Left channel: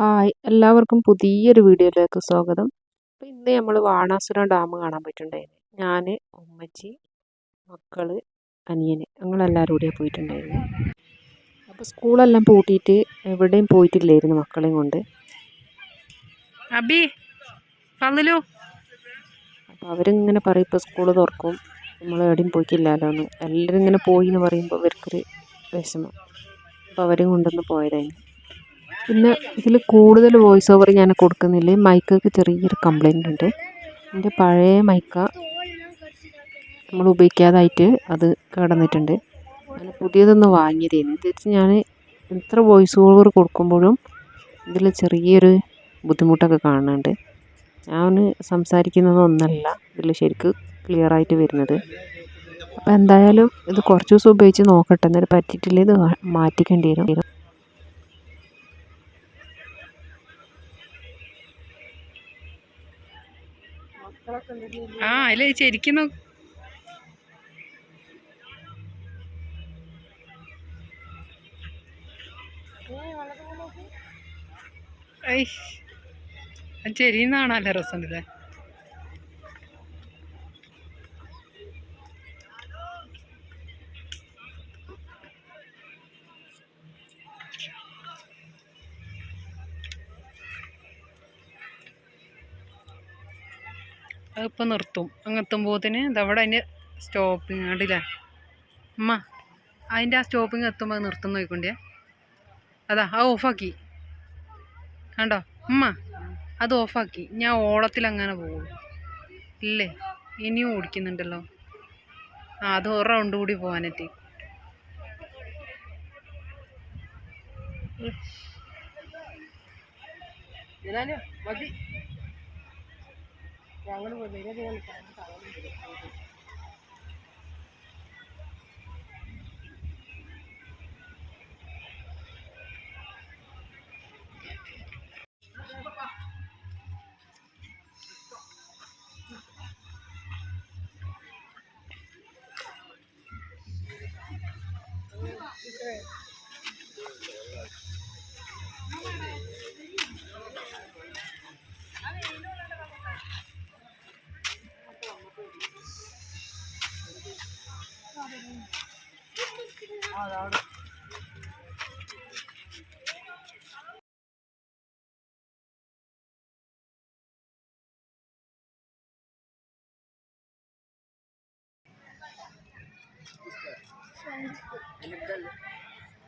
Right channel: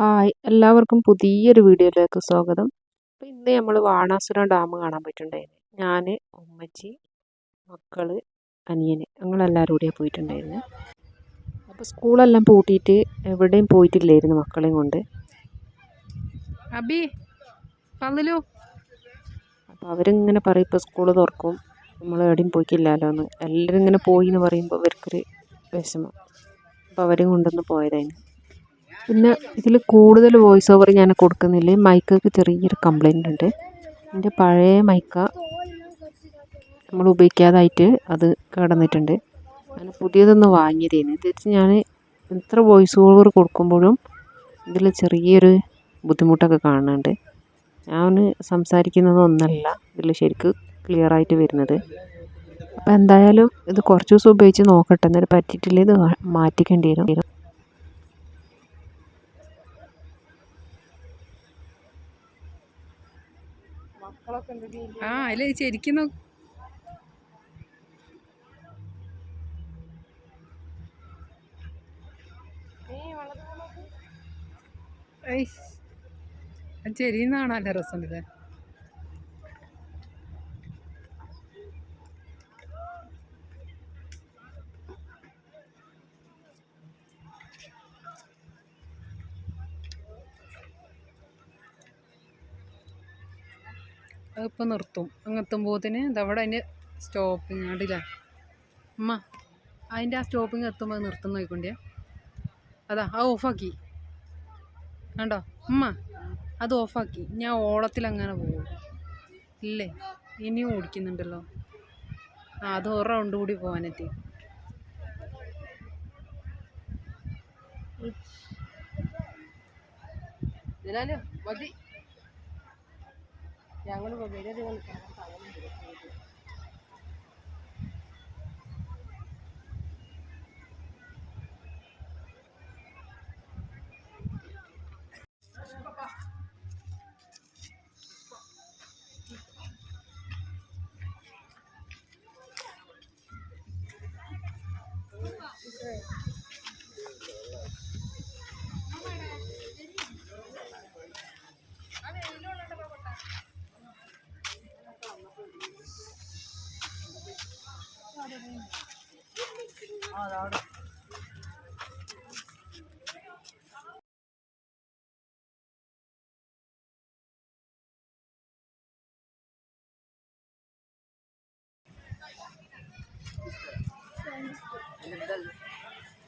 Hi, എല്ലാവർക്കും പുതിയൊരു വീഡിയോയിലേക്ക് സ്വാഗതം. അപ്പോൾ ഇന്ന് നമ്മൾ ബാണാസുര ഡാം കാണാൻ പോയിട്ടുണ്ടായിരുന്നു. ഞാൻ, ഉമ്മച്ചി, മക്കൾ, അനിയൻ, ഞങ്ങളെല്ലാവരും കൂടിയാണ് പോയിട്ടുണ്ടായിരുന്നു. അപ്പോൾ സ്കൂളെല്ലാം പൂട്ടിയിട്ട് എവിടെയും പോയിട്ടില്ലായിരുന്നു മക്കളെയും കൊണ്ട്. അപ്പോൾ അവരിങ്ങനെ പറയും ഇപ്പോൾ സ്കൂൾ തുറക്കും, നമ്മൾ എവിടെയും പോയിട്ടില്ലല്ലോ എന്ന്. എല്ലാവരും ഇങ്ങനെ പോയി എന്ന് പറയുമ്പോൾ അവർക്കൊരു വിഷമം. അപ്പോൾ അവരെയും കൊണ്ടൊന്ന് പോയതായിരുന്നു. പിന്നെ ഇതിൽ കൂടുതൽ വോയിസ് ഓവർ ഞാൻ കൊടുക്കുന്നില്ല. മൈക്കൊക്കെ ചെറിയൊരു കംപ്ലൈൻ്റ് ഉണ്ട്. എൻ്റെ പഴയ മൈക്ക നമ്മൾ ഉപയോഗിക്കാതായിട്ട് അത് കിടന്നിട്ടുണ്ട്. ഞാൻ പുതിയതൊന്ന് വാങ്ങിയതേന്. തിരിച്ച് ഞാൻ എത്ര വോയിസ് ഓവർ കൊടുക്കുമ്പോഴും ഇതിൽ ചെറിയൊരു ബുദ്ധിമുട്ടൊക്കെ കാണുന്നുണ്ട്. ഞാൻ സംസാരിക്കുന്നതൊന്നല്ല ഇതിൽ ശരിക്ക് ക്ലിയറായിട്ട് വരുന്നത്. അപ്പോൾ എന്തായാലും ഇത് കുറച്ച് ദിവസം ഉപയോഗിച്ച് നോക്കട്ടെ. എന്നിട്ട് പറ്റിയിട്ടില്ല ഇത് മാറ്റിക്കേണ്ടി വരും. അതിൽ ശരിക്കും ചെരിയുന്നാണല്ലേ രസമുണ്ടല്ലേ. അതിപ്പോൾ നിർത്തും. അങ്ങെത്തുമ്പോഴത്തേന് ഇതവിടെ അതിൻ്റെ സ്റ്റോപ്പിങ് കണ്ടില്ലേ അമ്മ, അതിൻ്റെ ആ സ്റ്റോപ്പിങ് എത്തുമ്പോൾ നിർത്തുന്ന നോക്കിക്കൊണ്ടേ. അതാ ആ ഓഫാക്കി കണ്ടോ അമ്മ, അത് ഓഫാക്കി. ഞാൻ ഓളത്തിൽ അങ്ങനെ പോകും ഇല്ലേ, ഇനിയും ഓടിക്കുന്നുണ്ടല്ലോ. അത് ഒരു റൗണ്ട് കൂടി പോകാനായിട്ട്. മതി, ഞങ്ങൾ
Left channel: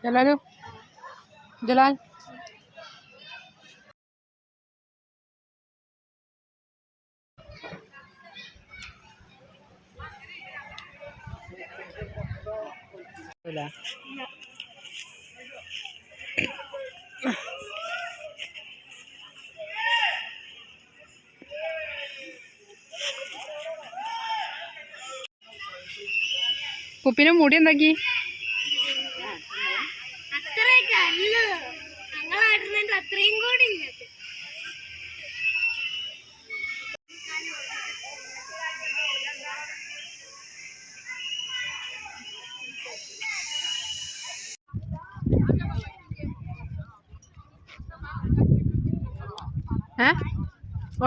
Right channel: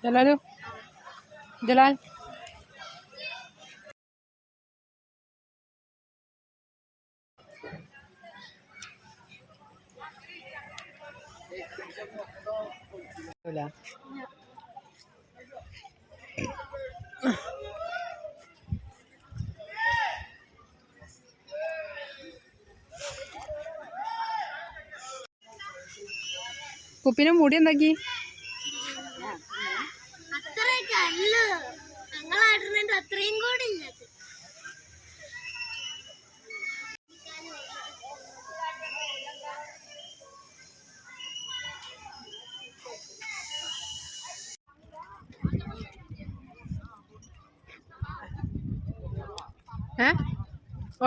ജലാലു ജലാൽ കുപ്പിനെ മൂടി എന്താക്കി? അത്രയും കൂടി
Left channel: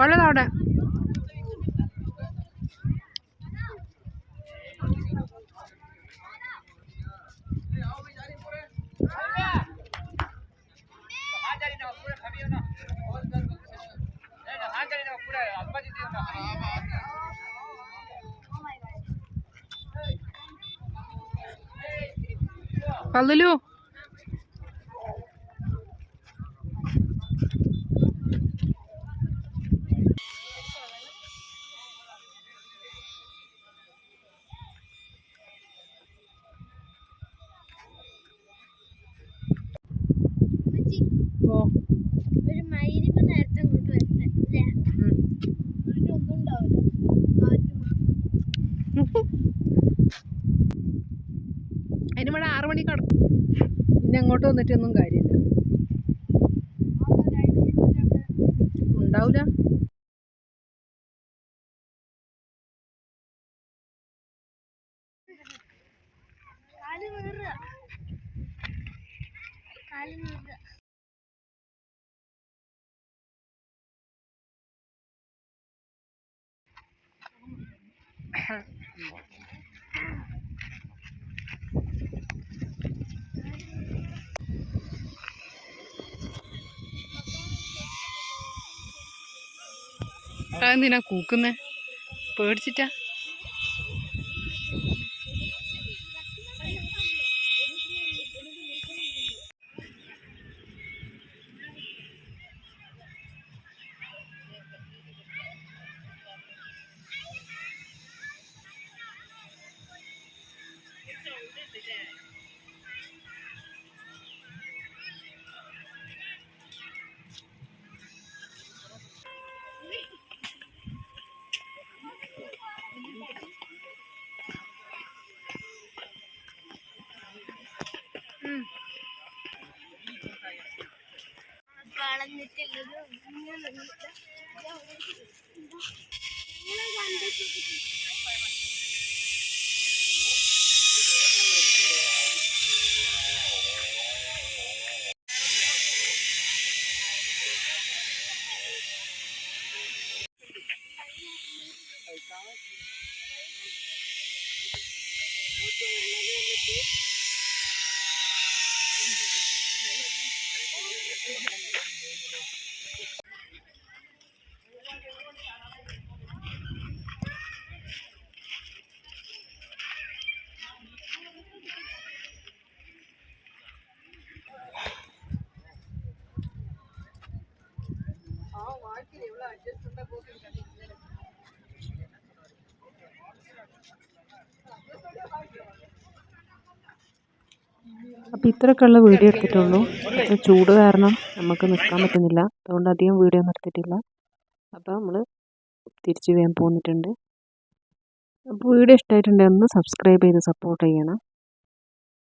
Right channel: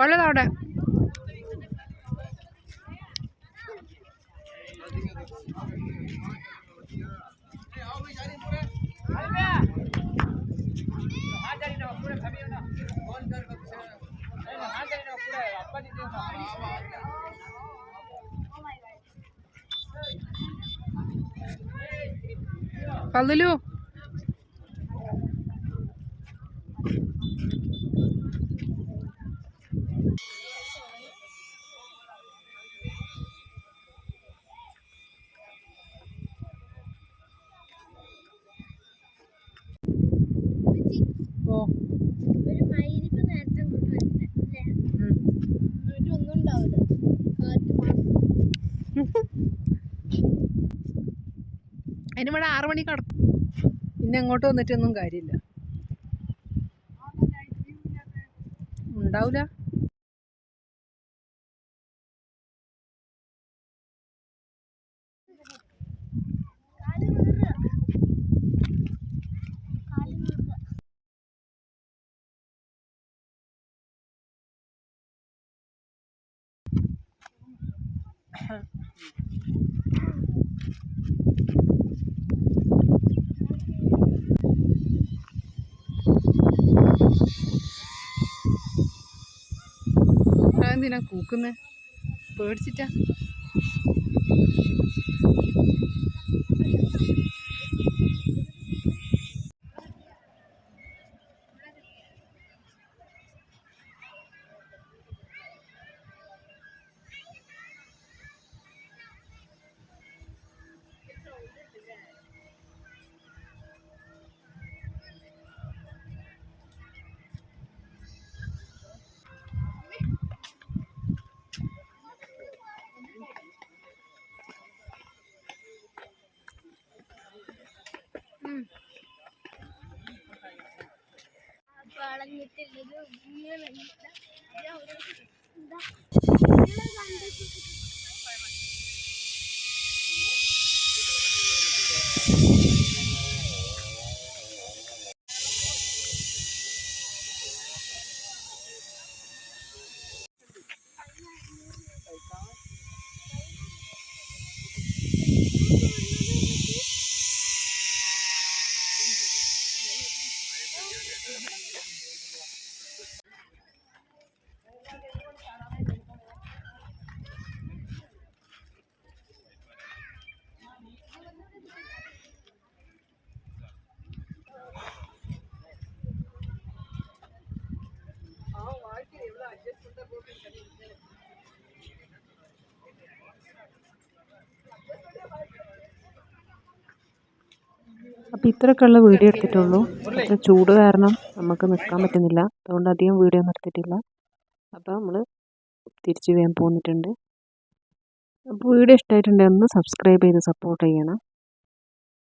ഉള്ളതവിടെ. പല്ലുലു ഒരു മയിരിപ്പ് നേരത്തെ അങ്ങോട്ട് വരുന്നത് ഒന്നും ഉണ്ടാവില്ല. അതിനിവിടെ 6 മണിക്ക് കിടക്കും. പിന്നെ അങ്ങോട്ട് വന്നിട്ടൊന്നും കാര്യമില്ല, ഉണ്ടാവില്ല. അതെന്തിനാ കൂക്കുന്നേ? പേടിച്ചിട്ടാ? കളഞ്ഞിട്ടുള്ളത് ഇങ്ങനെ അപ്പോൾ ഇത്രയൊക്കെയുള്ള വീഡിയോ എടുത്തിട്ടുള്ളൂ. അപ്പോൾ ചൂട് കാരണം നമുക്ക് നിൽക്കാൻ പറ്റുന്നില്ല, അതുകൊണ്ട് അധികം വീഡിയോ ഒന്നും എടുത്തിട്ടില്ല. അപ്പോൾ നമ്മൾ തിരിച്ച് വേഗം പോന്നിട്ടുണ്ട്. അപ്പോൾ വീഡിയോ ഇഷ്ടമായിട്ടുണ്ടെങ്കിൽ ഒന്ന് സബ്സ്ക്രൈബ് ചെയ്ത് സപ്പോർട്ട് ചെയ്യണം.